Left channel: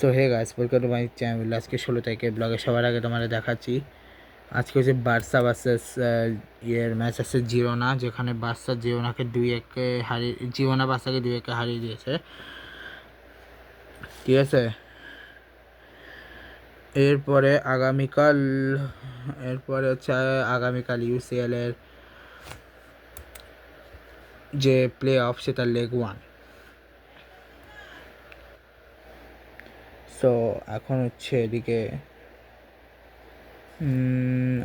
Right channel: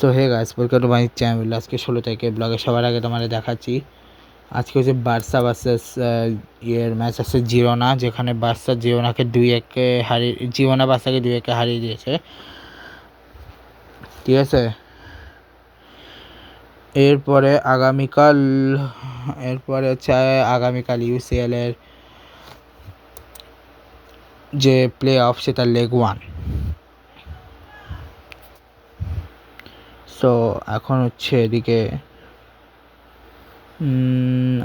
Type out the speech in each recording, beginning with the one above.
So hey guys, welcome to my channel. আজকে 16 তারিখের ব্লগে সবার আগে তোমাদের দেখাচ্ছি। আজকে হচ্ছে বার্সা ভার্সেস ম্যাচ আছে জিরোনা, যেখানে বার্সা জিরোনাকে 2-1 হারিয়ে, জিরোনা বার্সাকে 2-1 হারিয়ে দিয়েছে। ঠিক আছে, এরপরে হচ্ছে আগামীকাল ইউসিএল এর যে প্লে অফ, সেটা লেগ 1। সো এখন হচ্ছে এদিকে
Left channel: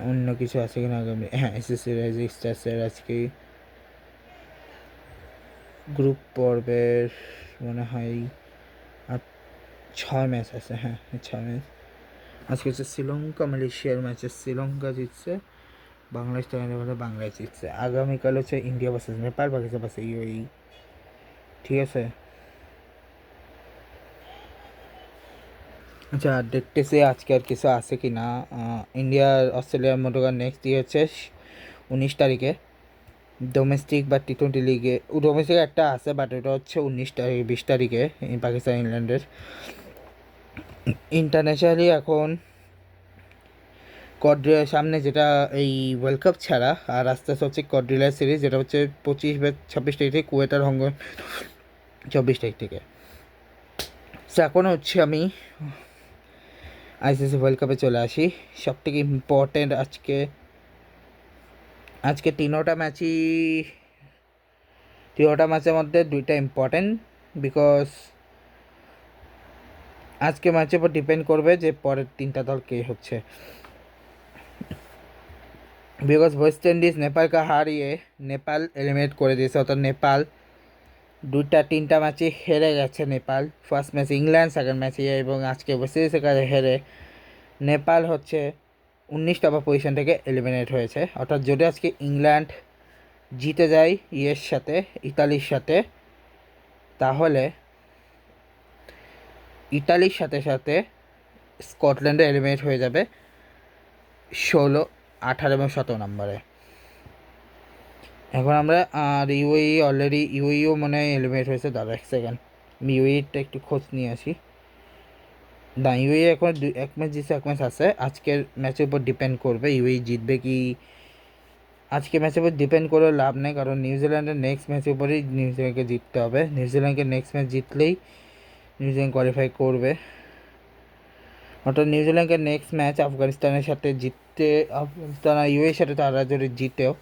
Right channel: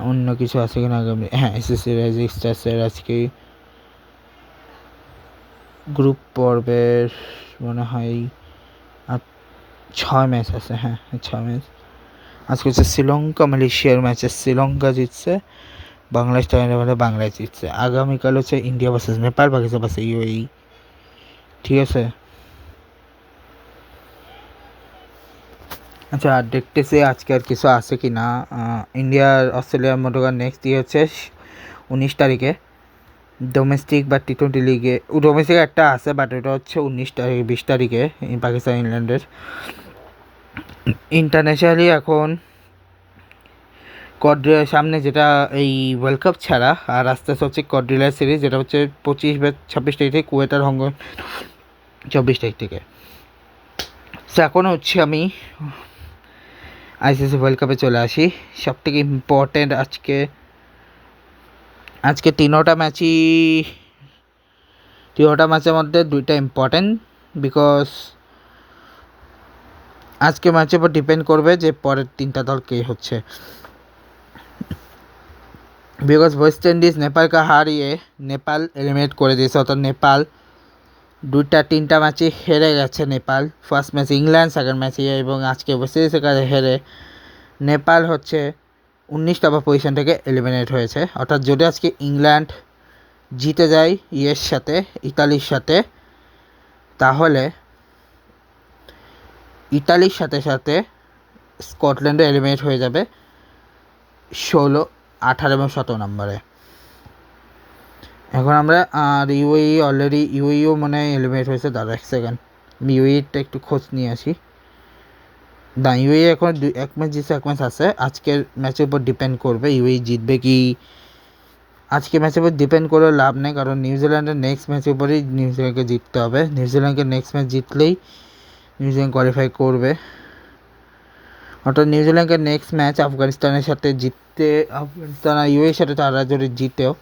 অন্য কিছু আছে কিনা আগামী, হ্যাঁ, এসএসসি রেজিস্টার্সের আজকে গ্রুপ পর্বের মনে হয় 6 ম্যাচ আছে। হ্যাঁ, 6 ম্যাচ। আজকে হচ্ছে শ্রীলঙ্কা মালয়েশিয়ার ম্যাচে শ্রীলঙ্কা জিতছে, বাংলাদেশ টাইমে বাংলাদেশ জিতছে। আগামীকাল হচ্ছে India versus Nepal, Pakistan versus UAE. ঠিক আছে, আচ্ছা, আর দেখতেছি আজকে আর কিছু আছে কি না। ইন্ডিয়ার অস্ট্রেলিয়ার মধ্যকার নেক্সট ইয়ে হচ্ছে 19 তারিখে ডোমেস্টিক বা টি-20 লিগে। ডোমেস্টিক একটা আছে, বাট ওটা হচ্ছে 19 তারিখ 20 তারিখে পাকিস্তান ইংল্যান্ডের। ইন্টারন্যাশনালি এখন সামনে যেটা এই ওয়ার্ল্ড কাপ ছাড়া আর আস্তে আস্তে হচ্ছে কড্রিলার সিরিজ, যেটা হচ্ছে 25 বা 26 তারিখ থেকে, কুয়েটার হংকং 24 তারিখ থেকে। সো এখন হচ্ছে আমি আইসিসি ওয়ার্ল্ড কাপে চলে আসি। সব থেকে ইম্পর্টেন্ট আজকে তিনোটা ম্যাচের মধ্যে দুইটা ইম্পর্টেন্ট, বিকজ আজকে ম্যাচের উপর ডিপেন্ড করবে যে পরের 3টা দল কে হচ্ছে। বিকজ ওয়েস্ট ইন্ডিজ নেপালকে হারিয়ে নেপাল এলিমিনেট করে দিয়েছে, অর্থাৎ নেপাল 3টা ম্যাচে হেরে গেছে। Nepal first match England, second ম্যাচে এবং আজকে ওয়েস্ট ইন্ডিজের কাছে হেরে নেপাল হচ্ছে 19 নম্বর পজিশন থেকে এলিমিনেট হয়েছে। অর্থাৎ যদি আজকে ইংল্যান্ড জিতে যায় ইতালির সাথে, তাহলে ইতালির সাথে সাথে স্কটল্যান্ডে এলিমিনেট হয়ে যাবে 16, 18 এবং 17 নম্বরে। এখন আমরা আর ইউএইও মনে হয় এলিমিনেট হয়েছে। দাদা এক সেকেন্ড, আমি ইউএইটা একটু খোঁজ নিয়ে আসি। না, ইউএই এখন এক ম্যাচ জিতছে, এক ম্যাচ আছে। আজকের ম্যাচের উপর ডিপেন্ড করবে ইউএই জিতবে কি। আজকে ম্যাচের উপর ডিপেন্ড করে লাভ নেই, কারণ নিউজিল্যান্ডের নেক্সট ম্যাচের উপরেই নিউজিল্যান্ডকে জিততে হবে। নিউজিল্যান্ডকে নেক্সট ম্যাচ জিতলেই নিউজিল্যান্ড কোয়ালিফাই করবে। অর্থাৎ নিউজিল্যান্ডকে নেক্সট ম্যাচ আফগানিস্তানের সাথে আফগানিস্তান আর ইউএর সাথে তারা যদি জিতেও,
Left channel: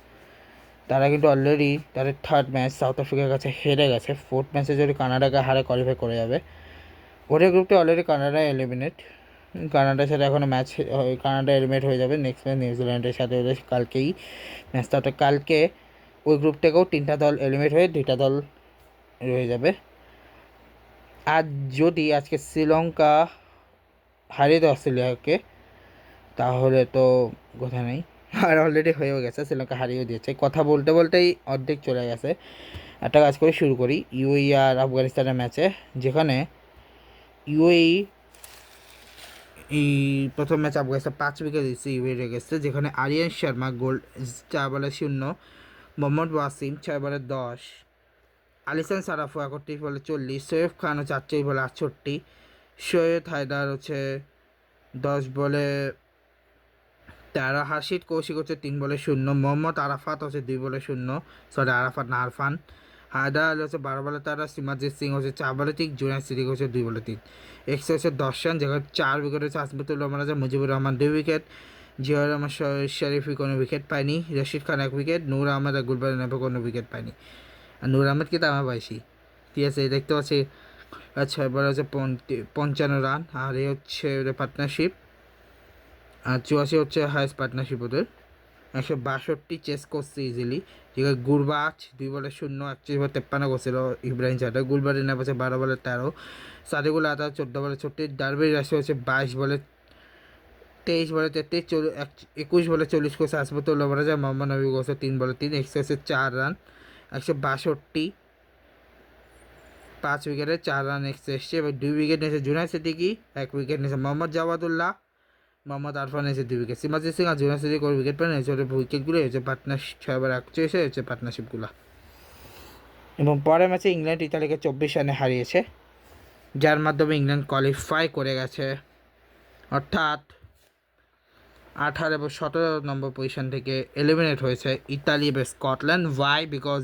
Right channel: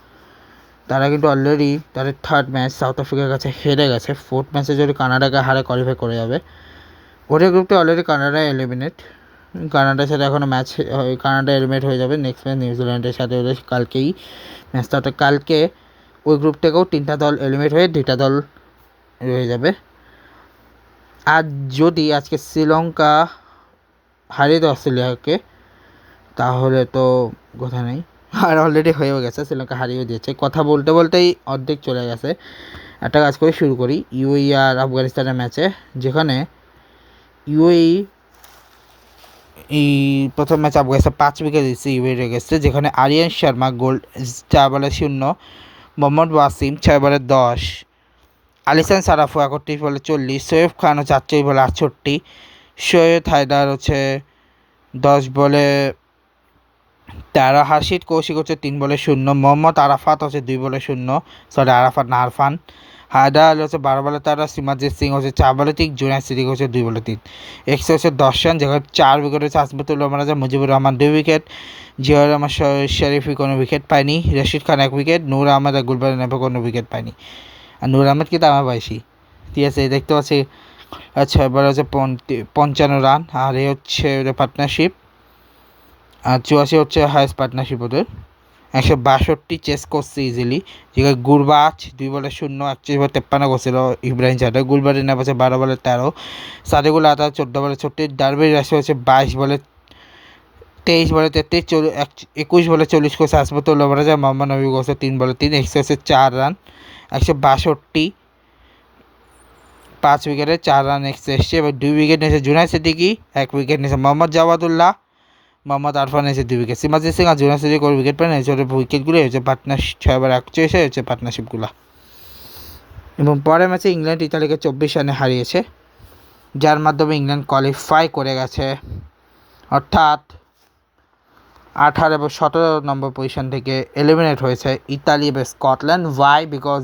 তারা কিন্তু অলরেডি তাদের থার্ড ম্যাচ সাউথ আফ্রিকার কাছে হেরে গেছে। ফোর্থ ম্যাচে যদি কানাডাকে হারে কোয়ালিফাই করে যাবে। ওদের গ্রুপে অলরেডি কানাডা এলিমিনেট, কানাডার সাথে এখনও ম্যাচ, কানাডা এলিমিনেট হয়ে যাবে। নেক্সট ম্যাচ নিউজিল্যান্ডের সাথে ওদের কালকেই ম্যাচটা, অর্থাৎ কালকে ওই গ্রুপ থেকেও 3টা দল এলিমিনেট হয়ে 2টা দল রয়ে যাবে। আর যদি আজকে শ্রীলঙ্কা হারিয়ে দেয় অস্ট্রেলিয়াকে, তাহলে তো কথা নেই। আর অলরেডি হয়েও গেছে, শ্রীলঙ্কা হারিয়ে দিয়েছে। কথা বলতে বলতেই অর্ধেক চলে গেছে। একটা কাজ করে শুরু করি ইউএই আর আফগানিস্তানের ম্যাচে, যেখানে ইউএই প্রথম ম্যাচ আফগানিস্তান 5 উইকেট দিচ্ছে ইউএইয়ের এগেন্সটে, যেখানে আরিয়ান শর্মা 4 বলে 0, মোহাম্মদ ওয়াসিম 6 বলে 10, আলিসান সারাফু 31 বলে 40, শোয়েব খান 48 বলে 68, সৈয়দ হায়দার হচ্ছে 10 বলে 13, হার্ষিত কৌশিক হচ্ছে 3 বলে 0, মোহাম্মদ আরাফাত হচ্ছে 2 বলে 0, সরি আরাফাত না আরফান, হায়দার আলী হচ্ছে 12 বলে 13, সিমাজিৎ সিং হচ্ছে 4 বলে 3, জুনায়েদ সিদ্দিক হচ্ছে 2 বলে 3। এক্সে হচ্ছে 10 রান, যেখানে 4 উইকেট হচ্ছে আসবাতুল্লাহ রাজা, মুজিবুর রহমান 2 উইকেট, জিয়াউর রহমান শরীফি কোনো উইকেট পায়নি, রশিদ খান 1 উইকেট, নূর আহমেদ আর গুলবার নেবে কোনো উইকেট পায়নি। আর নূর আহমেদ কিন্তু আমার বয়সী। ঠিক আছে, দেখতে পাচ্ছি। আচ্ছা, এবার হচ্ছে 55 রান, আর এ হচ্ছে পার্টনারশিপ, আর 84 হচ্ছে হায়েস্ট পার্টনারশিপ ওদের। 162 চেস করছে ইজিলি, যেখানে গুরবাজ 2 বলে 0, 31 বলে 53 করছিল ইব্রাহিম চাটা, গুলবারি নেপ হচ্ছে 12 বলে 13, সাদেকুল আতা 14 বলে 36, ডারবির রাশি হচ্ছে 22 বলে 23 বলে 33, 21 বলে 40 করছে আসবাতুল্লাহ রাজা, মোহাম্মদ নবী করছে 3 বলে 3, এক্সে হচ্ছে 4 রান, 162, 5 উইকেটে 4 রান এক্সে এসছে। এবার 2 উইকেট নিয়েছে জুনায়েদ সিদ্দিকি, 1 উইকেট নিয়েছে মোহাম্মদ জাওয়াদুল্লাহ, মোহাম্মদ আরফান এসে 2 উইকেট, সিমাজিৎ সিং আর জুনায়েদ সিদ্দিক করে উইকেট পান। এসে উইকেটগুলো হচ্ছে পার্টনারশিপ 6/41 হচ্ছে পার্টনারশিপগুলো। এবং পরের ম্যাচে ইংল্যান্ড ইতালিকে 24 রানে হারিয়েছে। যার মাধ্যমে ইংল্যান্ড কোয়ালিফাই করে গেছে, অর্থাৎ 18 এবং 17 নম্বর পজিশন থেকে এলিমিনেট হয়েছে ইতালি এবং স্কটল্যান্ড। ওয়াই? বিকজ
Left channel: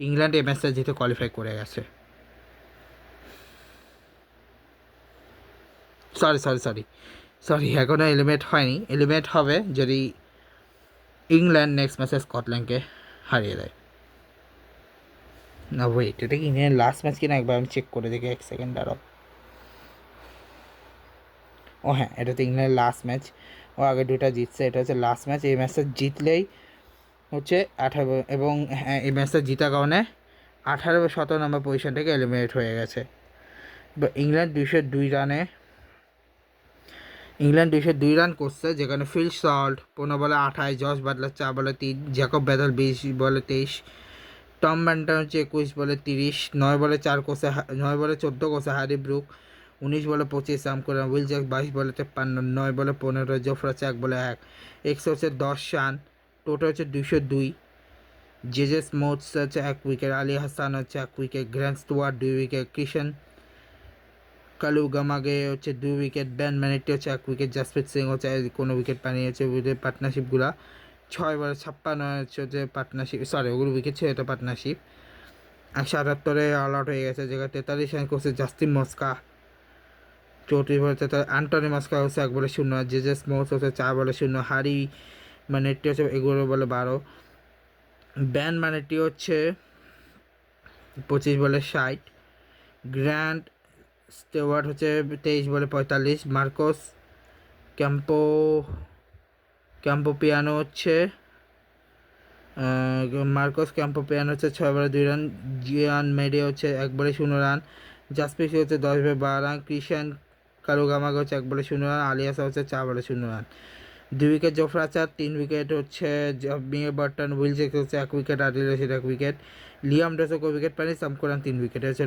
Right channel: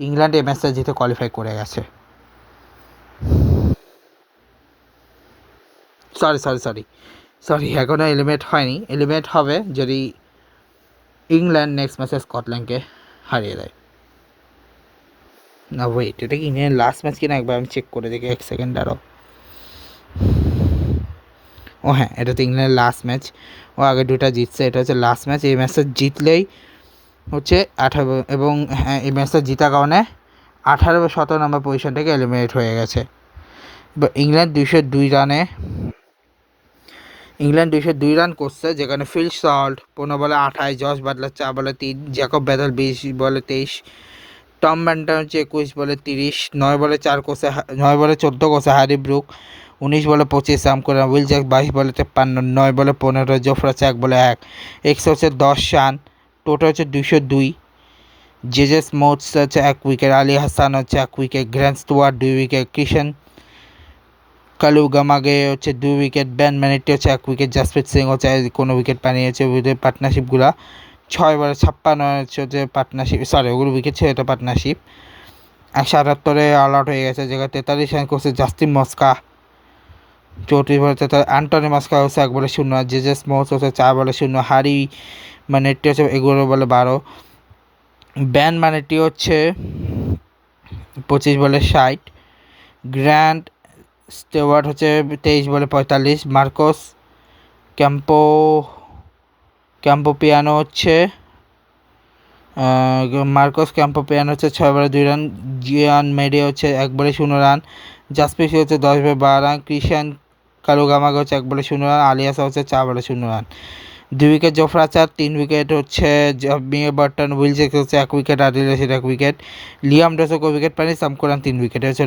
ইংল্যান্ড এই ম্যাচটা জিতে কোয়ালিফাই করে গেছে। সরি এখনও এলিমিনেট হয়নি, এলিমিনেট হবে যদি ইংল্যান্ড নেক্সট ম্যাচে স্কটল্যান্ডকে হারিয়ে দেয়। না ওয়েট, এটা কি ইংল্যান্ড লাস্ট ম্যাচ কিনা একবার আমি চেক করে দেখি, 1 সেকেন্ড আরও। ও হ্যাঁ, এটা তো ইংল্যান্ডের লাস্ট ম্যাচ, ও আগে দুটা জিতছে, এটা হচ্ছে লাস্ট ম্যাচ। এই ম্যাচটা জিতলেই হচ্ছে 18, এবং হ্যাঁ এই ম্যাচটা জিতার কারণে 18 বা 17 নম্বর পজিশন থেকে এলিমিনেট হয়ে গেছে। ইংল্যান্ড 202 রান করছে, যেখানে ফিল সল্ট 15 বলে 28, জশ বাটলার 4 বলে 3, জ্যাকব ব্যাথেল 20 বলে 23, টম ব্যান্টন হচ্ছে 21 বলে 30, 9 বলে 14 করছে হ্যারি ব্রুক, 19 বলে 25 সাম করে, উইল জ্যাক 22 বলে 53, 9 বলে 15, জোফরা 1 বলে 1, এক্স হচ্ছে 10 রান, টোটাল হচ্ছে 202। জেজে স্মুথস হচ্ছে 1 উইকেট, আলী হাসান হচ্ছে 1 উইকেট, গ্র্যান্ড স্টুয়ার্ট 2 উইকেট, কিষান কালুগামাগে হচ্ছে 2 উইকেট, ব্যান ম্যানেটি হচ্ছে 1 উইকেট, জাসপ্রীত সিং হচ্ছে কোনো উইকেট পানিয়েছে। ওদের পার্টনারশিপগুলো 6 বলে 56 হচ্ছে পার্টনারশিপ, ওগুলো উইকেট ছিল, এটা পার্টনারশিপ। 178 অল আউট হয়ে গেছে, যেখানে 43 রান করছে জাস্টিন মস্কা, 34 বলে 43, অ্যান্টনি মস্কা হচ্ছে 1 বলে 0, জেজে স্মুথস হচ্ছে 4 বলে 0, হারি ম্যানেটি হচ্ছে 11 বলে 12, ব্যান ম্যানেটি হচ্ছে 25 বলে 60, গ্র্যান্ড স্টেওয়ার্ট হচ্ছে 23 বলে 45, ক্যাম্পোপিয়ানো হচ্ছে 6 বলে 2 রান, জিয়ান মেডে হচ্ছে 1 বলে 0 রান, জাসপ্রীত হচ্ছে 10 বলে 12 রান, কৃষান কালুগামাগে হচ্ছে 1 বলে 0 রান, আলিয়াসা হচ্ছে 4 বলে 0 রান, 2 উইকেট জোফরা 4, 3 উইকেট হচ্ছে মিয়ে বার্টন, উইল জ্যাক হচ্ছে 1 wicket, Adil Rashid 1 wicket, Liam Dawson wicket পানি, সামকুরান 3 উইকেট হচ্ছে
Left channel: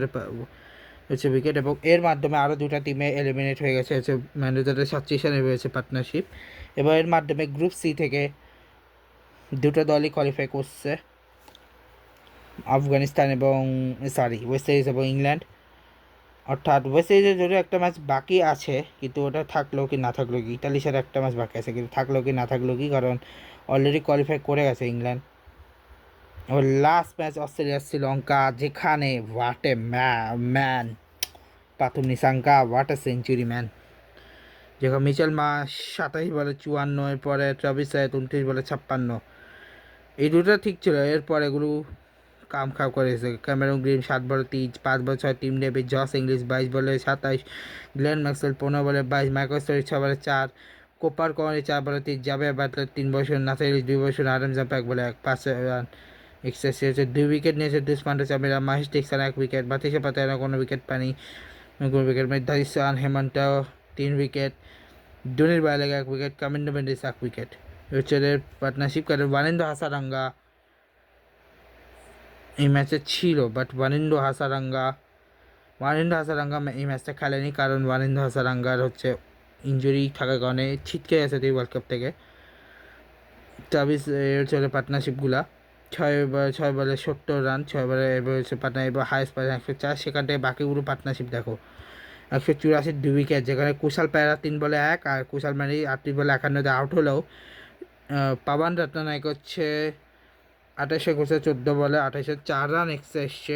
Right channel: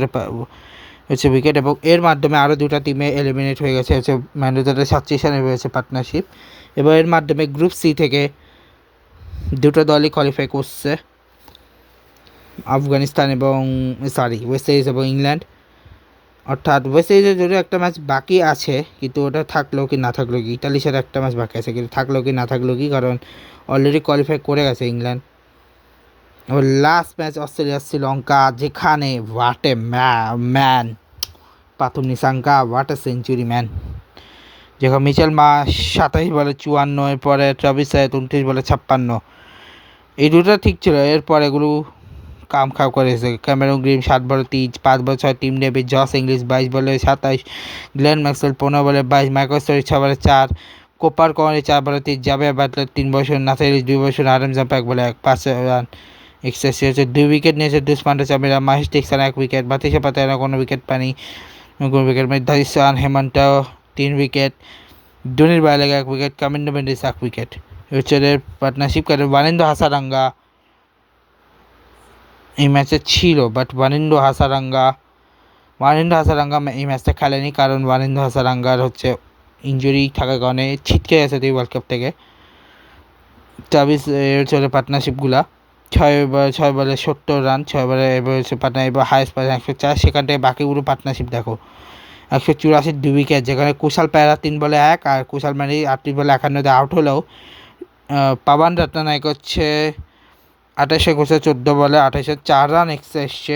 উইকেট। এবং এর মাধ্যমে আরও দুটা টিমে এলিমিনেট হয়ে গেছে, হচ্ছে ম্যান্ডেটারি 37 রানে রয়েছে পার্টনারশিপ। এবং এর মাধ্যমে গ্রুপ সি থেকে দুটো দলই কোয়ালিফাই করছে, আফগানিস্তান এবং ওয়েস্ট ইন্ডিজ এবং ইংল্যান্ড। অর্থাৎ ওয়েস্ট ইন্ডিজের যদিও একটা ম্যাচ বাকি আছে, কিন্তু ওটা থাকলেও কি না থাকলেও কি, ইতালির সাথে একটা ম্যাচ বাকি আছে, কিন্তু থাকলেও কি না থাকলেও কি, কারণ অলরেডি কোয়ালিফাই করে গেছে ইংল্যান্ড। এবং লাস্ট ম্যাচ অস্ট্রেলিয়া শ্রীলঙ্কা, যেখানে what a man Pathum Nissanka, what a century man, যেখানে মিচেল মার্শ 27 বলে 54, এরপরে ট্রাভিস হেড 29 বলে 56, এই দুটো ঠিক ছিল, এরপর এগুলো কাম খাও করেছে। ক্যামেরন গ্রিন 7 বলে 3, 5 বলে 6, টিম ডেভিড, জস ইংলিশ 22 বলে 27, গ্লেন ম্যাক্সওয়েল 15 বলে 22, মাইকেল স্টোরি 6 বলে 4, কোপার কর্নি 4 বলে 3, জাভিয়ার বাটলার 3 বছর, নাসির 2 বছর, আরএম জাম্প 1 বলে 1, 5 রান এক্সেসি হচ্ছে 2 উইকেট নিয়েছে দুষ্মান্ড চামিরা, মাহেশ টিকসান 1 উইকেট, বাতিশা পাতায়না কোনো উইকেট পানি, কোনো উইকেট ধারিসান হেমন্ত 3 উইকেট, ধোনির বাইরে 1 উইকেট, কামিন্ডো মেন্ডিস 1 উইকেট। হচ্ছে পার্টনারশিপ করে ওয়ানিন্দো হাসারাঙ্গা এই ম্যাচে ছিল, বাট ওয়ানিন্দো হাসারাঙ্গা এই ম্যাচটা খেলেনি, কারণ ওয়ানিন্দো হাসারাঙ্গার হচ্ছে ইঞ্জুরি থাকার কারণে ছিটকে গেছে তুই ওয়ার্ল্ড কাপ থেকে। ট্রাভিস চলে পার্টনারশিপগুলা 6 বলে 70 রান, 6 বলে এবার হচ্ছে পার্টনার, এবার হায়েস্ট পায় 104, সেখান থেকে বাকিগুলো পার্টনারশিপ দেখো 184, 2 উইকেট, যেখানে কুশাল পায়রা 3 বলে 1 আর কুশাল মানি 38 বলে 51 আউট হলেও পাবান রত্নানায়ক হচ্ছে 28 করছে 14 বলে 28, 4 রান এক্সট্রা এসছে।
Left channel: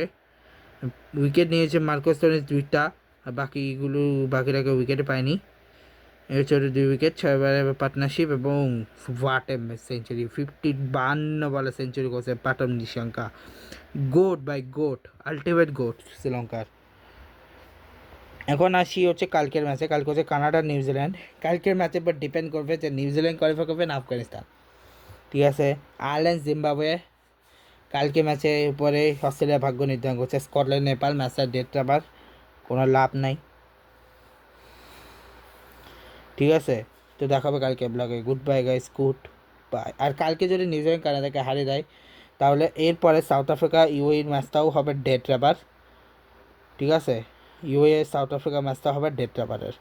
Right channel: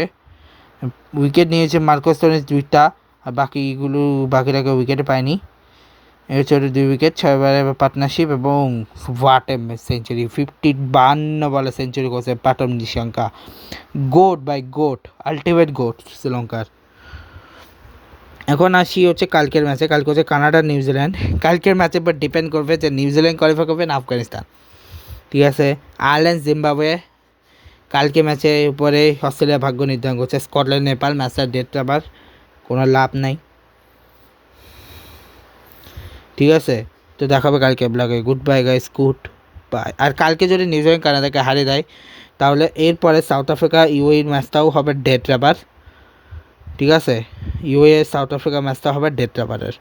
উইকেট নিয়েছে মার্কোস টোনিস 2টা, আর বাকিরাকে উইকেটে পায়নি। এর হচ্ছে 2 উইকেট, 6 বলে পার্টনারশিপ, এবং হোয়াট এ সেঞ্চুরি, 52 বলে সেঞ্চুরি করছে Patam Nissanka, goat, ultimate goat শ্রীলঙ্কার। এখন আসি হচ্ছে কালকের ম্যাচে, কালকে হচ্ছে কানাডা নিউজিল্যান্ড। কালকের ম্যাচের উপর ডিপেন্ড করবে যে নিউজিল্যান্ড কোয়ালিফাই করবে না আফগানিস্তান, ঠিক আছে। আয়ারল্যান্ড জিম্বাবুয়ে কালকে ম্যাচের উপরে অস্ট্রেলিয়া ভাগ্য নির্ধারণ করছে, স্কটল্যান্ড নেপাল, ম্যাচের ডেটটা আবার কোনো লাভ নাই, ঠিক আছে। তো দেখাবে কালকে ব্লগে, goodbye guys, goodbye. আর কালকে যদি নিউজিল্যান্ড কানাডাকে হারিয়ে দেয়, তাহলে এরপরে সাউথ আফ্রিকা ইউএইর ম্যাচটাও হবে ডেট রাবার, ঠিক আছে। ইউএ সাউথ আফ্রিকা ম্যাচটা হবে ডেট রাবারের,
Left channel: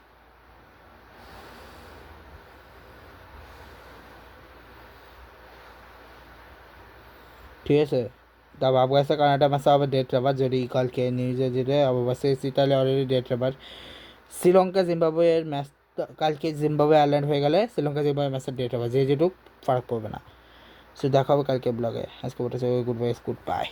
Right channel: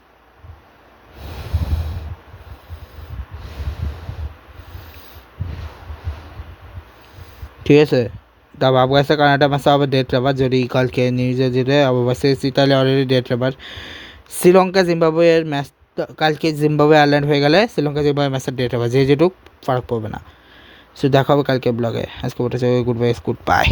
ঠিক আছে। তবে আফগানিস্তান কানাডা ম্যাচে হবে ডেট রাবার, যদি কালকে নিউজে জিতে অবশ্যই তাহলে অলরেডি ডেট রাবার। শ্রীলঙ্কা জিম্বাবুয়ের ম্যাচ কালকে জিম্বাবুয়ে আয়ারল্যান্ড হয়ে গেলে শ্রীলঙ্কা জিম্বাবুয়ে ম্যাচের ডেট রাবার, যেটুক ফারাক পড়বে না। সো দেখা হবে কালকে ব্লগে। আজকে ওটা গুড বাই, গুড বাই।